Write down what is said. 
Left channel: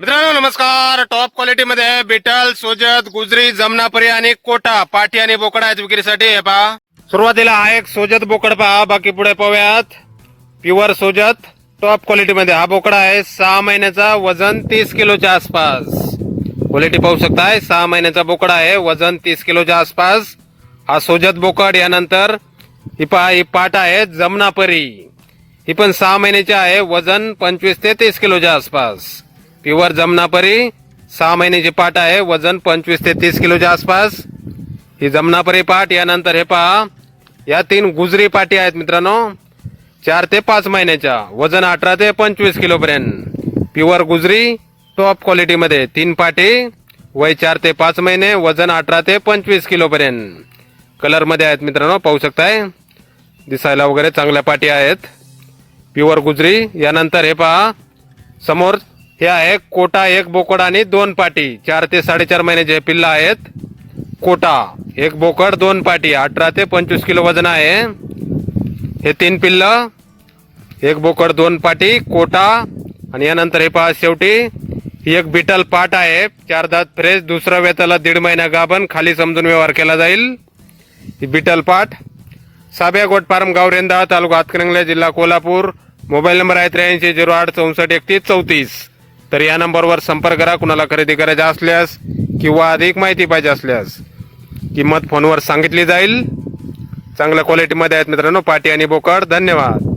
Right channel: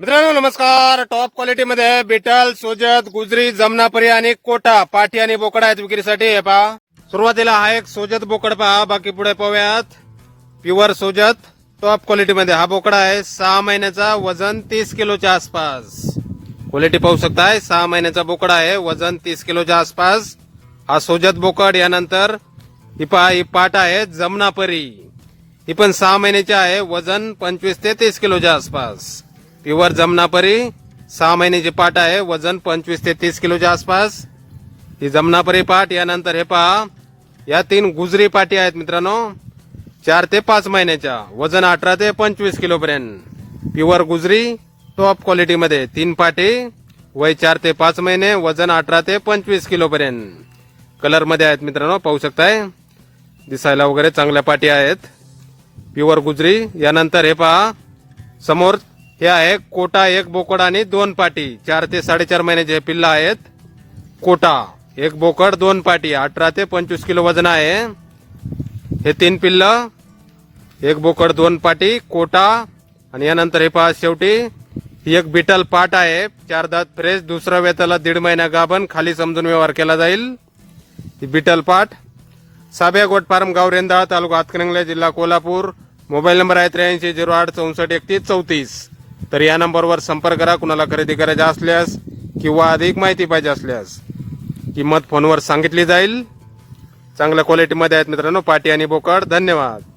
मित्रांनो नमस्कार. Top quality मध्ये बिटल, सोजत, गुजरी, जमनापरी आणि कोटा पाठी आणि बोकड आहेत विक्रीसाठी. हे पहा, सुरुवातीला हा एक सोजत बोकड पहा. बाकी पुढे पाहूयात. प्युअर सोजत टॉप क्वालिटी मध्ये हा बोकडा आहे. 6 महिन्याचा, वजन 30 किलोच्या आसपास. क्वालिटी पाहू शकताय. 6 महिन्याचा बोकडा आहे, वजन 30 किलोच्या आसपास. हा सोजत बोकड. यानंतर ही पहा, ही पाट आहे जमनापरी. ही पण 6 महिन्याची आहे, वजन 25 ते 30 किलोच्या आसपास. प्युअर जमनापरी 6 महिन्याची पाट आहे, वजन 25 ते 30 किलोच्या आसपास. ही जमनापरी पाट. यानंतर हे पहा, या 3 गुजरी पाटी आहेत मित्रांनो. 4 ते 5 महिन्याच्या, वजन 18 ते 25 किलो पर्यंत. प्युअर गुजरी टॉप क्वालिटी मध्ये 3 पाटी, वय 4 ते 5 महिने, वजन 18 ते 25 किलो पर्यंत. कलर मध्ये आहेत मित्रांनो, पाहू शकताय. दिसायला वगैरे चांगल्या पाटी आहेत, प्युअर गुजरी. यानंतर हे पहा, समोर हे आहे कोटा, एक बोकड आणि 2 पाटी. 4 ते 4.5 महिन्याचे पिल्ला आहेत. कोटा, एक बोकड 2 पाटी, 18 ते 25 किलो वजन आहे. हे 3 पिल्ल, एक बोकड 2 पाटी, कोटा. आणि यानंतर हे पहा, शेवटी ही एक बिटल पाट आहे. 4 दात फ्रेश, दुसऱ्या वेताला 1.5 महिना गाभण, खाली समजून व्यवहार केला जाईल. ही बिटल पाट. साब्या गोट फार्म, गाव रेंदा, तालुका हातकणंगले, जिल्हा कोल्हापूर. मोबाईल नंबर आहे 8308643134. तर या नंबरवर संपर्क करा. कुणाला खरेदी करायचे असल्यास किंवा अधिक माहिती पाहिजे असल्यास किंमत फोनवर सांगितली जाईल. चांगल्या क्वालिटी मध्ये आहेत मित्रांनो पाटी आणि बोकड. धन्यवाद.